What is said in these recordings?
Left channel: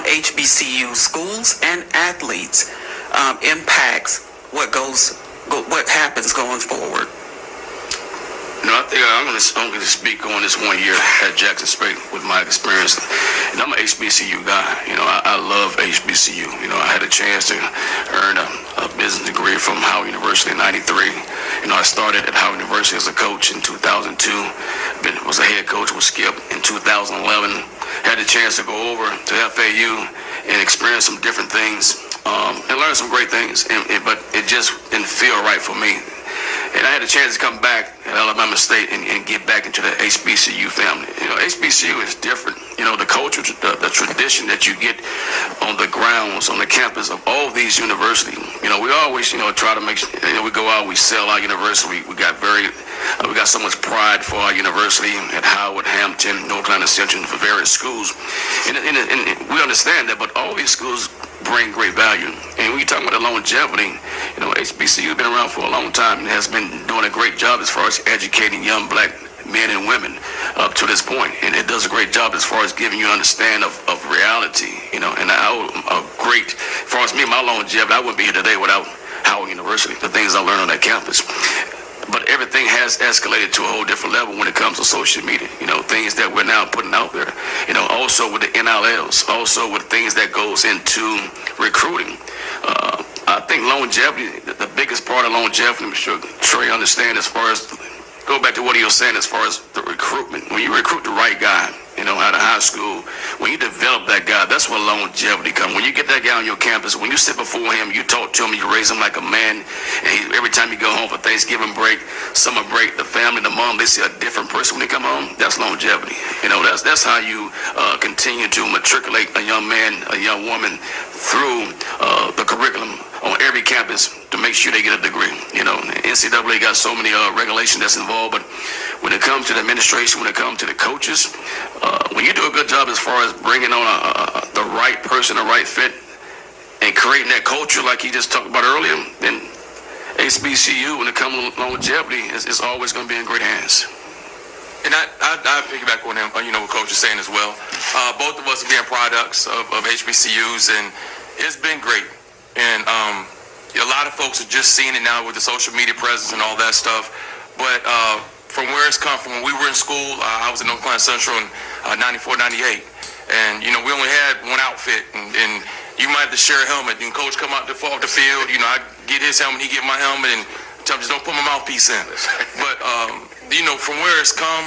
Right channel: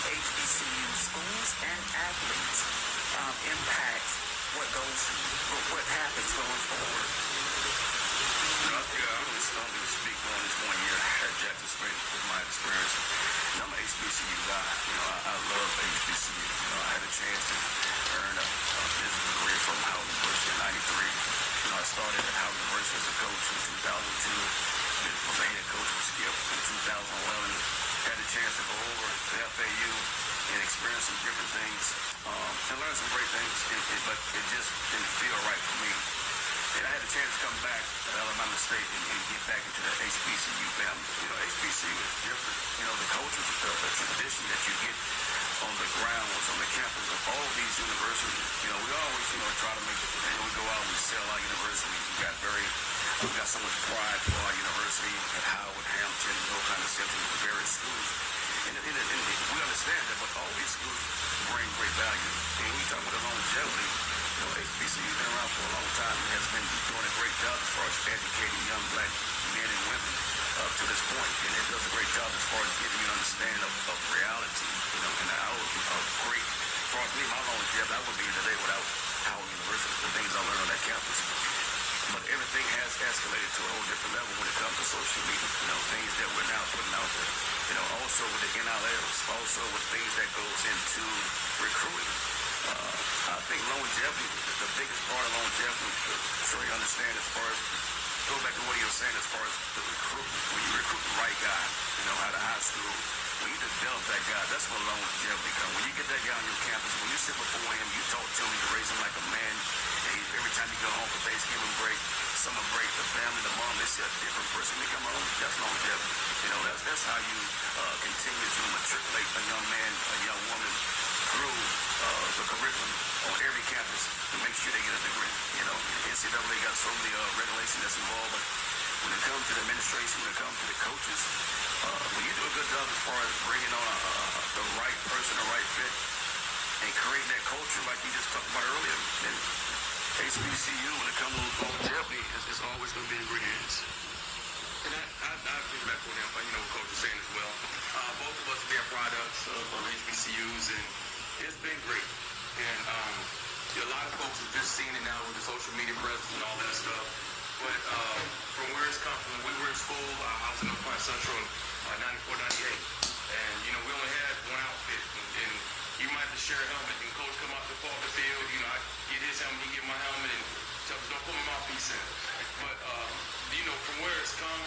on HBCU schools and athletes impacts what happens going forward? I think I'm going to speak on this 1 year at Jackson State with my experience. And I'm an HBCU guy. I love HBCU. I had a chance to earn a business degree from Howard University in '93. I started at Howard University as a coach in 2002. Was a head coach with Skip in 2011. Had the chance to go over to FAU and experience some different things and learn some great things. But it just didn't feel right for me. And I had a chance to come back at Alabama State and get back into the HBCU family. HBCU is different. The culture, the tradition that you get on the grounds, on the campus of all these universities. We always, try to make sure, we go out, we sell our university. We got so much pride for our university at Howard, Hampton, North Carolina Central, for various schools. And we understand that, but all these schools bring great value. And when you're talking about the longevity, HBCU has been around for a long time and has been doing a great job as far as educating young black men and women up to this point. And it does a great job as far as giving you an understanding of reality, and as far as me, my longevity, I wouldn't be here today without Howard University, the things I learned on that campus. But everything has escalated to a whole different level when it comes to social media, things that we're now putting out there, also with the NLLs, also with things that goes into recruiting. I think longevity, the biggest part of longevity, I'm sure Trei understand as far as, go back to what he was saying as far as the recruitment. When you recruit the right guy, out of high school, when you develop that guy, that's where longevity comes. When you get that guy on your campus, when you sit before him, you talk to him, you raise him like a man, and every time you go home for Thanksgiving break, summer break, the family, the mom, they see a different person when they come home. That's longevity. That's how you continue to matriculate a young man, a young woman through the curriculum on every campus to make sure they get a degree. NCAA got so many regulations that's involved, but when it comes to the administration, when it comes to the coaches, when you do a good job as far as bringing on the right person, the right fit, and creating that culture like you just talked about earlier, then HBCU, when it comes to longevity, is always going to be in great hands. And I piggyback on him, what Coach is saying as well. Both of us are being products of HBCUs, and it's been great. And a lot of folks are just seeing it now with the social media presence and all that stuff. But from where it's come from, when we were in school, I was in North Carolina Central in 94, 98. And, we only had one outfit. And you might have to share a helmet. And Coach come out off the field, I get his helmet, he get my helmet, and tell him just don't put my mouthpiece in. But, from where it's come,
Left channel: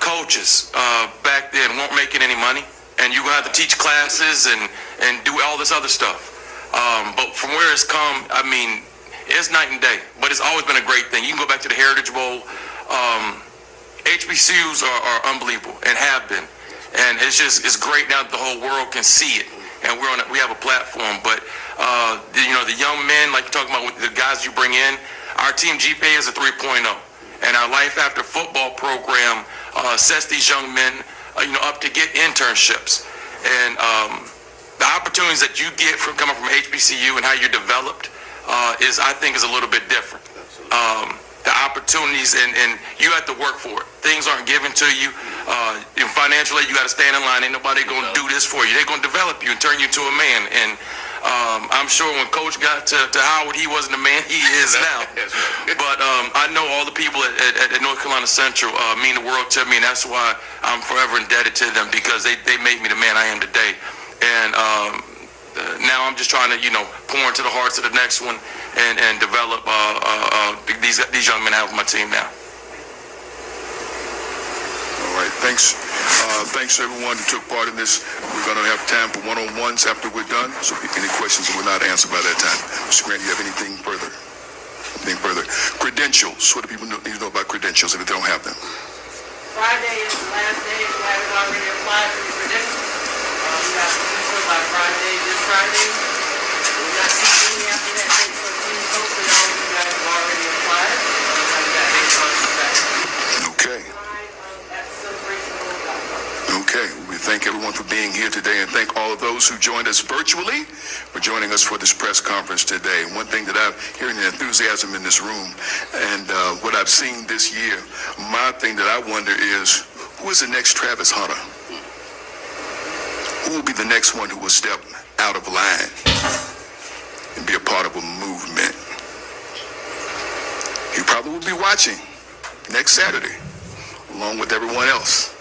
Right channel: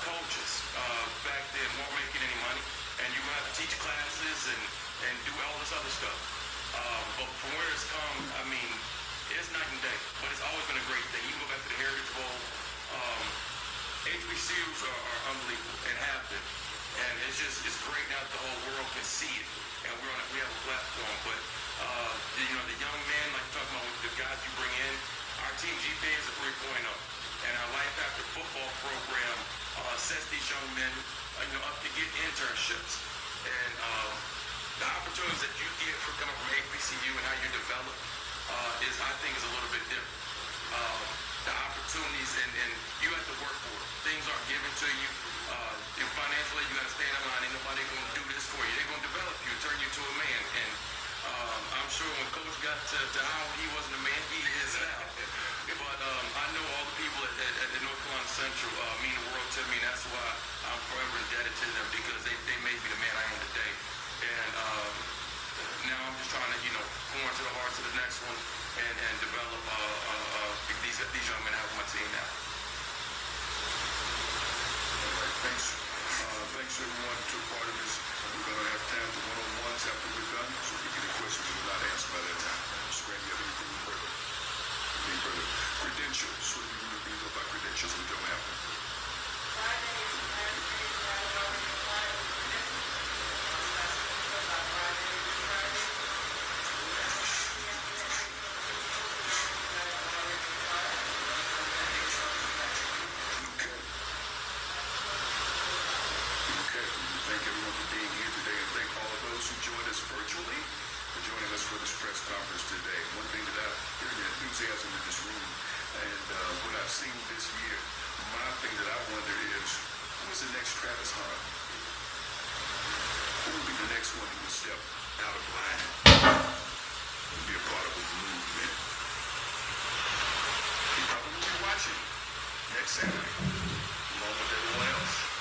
coaches back then weren't making any money. And you're going to have to teach classes and do all this other stuff. But from where it's come, it's night and day. But it's always been a great thing. You can go back to the Heritage Bowl. HBCUs are unbelievable and have been. And it's great now that the whole world can see it. And we have a platform. But, the young men, like you're talking about with the guys you bring in, our team GPA is a 3.0. And our Life After Football program sets these young men, up to get internships. And the opportunities that you get from coming from HBCU and how you're developed I think is a little bit different. The opportunities and you have to work for it. Things aren't given to you. Financially, you got to stand in line. Ain't nobody going to do this for you. They're going to develop you and turn you into a man. And I'm sure when Coach got to Howard, he wasn't the man he is now. But I know all the people at North Carolina Central mean the world to me, and that's why I'm forever indebted to them, because they made me the man I am today. And now I'm just trying to, pour into the hearts of the next one and develop these young men I have on my team now. All right, thanks. Thanks to everyone who took part in this. We're going to have time for one-on-ones after we're done. So any questions that were not answered by that time. Mr. Grant, do you have anything further? Credentials. What do people need to know about credentials if they don't have them? Friday is the last day if you haven't already applied for your credentials. You have to do so by Friday, this Friday. We're not seeing any after that date, so please hope that all of you guys have already applied. Have that date on the back. Okay. Okay. We thank everyone for being here today, and thank all of those who joined us virtually for joining us for this press conference today. One thing that I'm hearing the enthusiasm in this room, and what I've seen this year, my thing that I wonder is, who is the next Travis Hunter? Who will be the next one who will step out of line and be a part of a movement? He probably will be watching next Saturday, along with everyone else.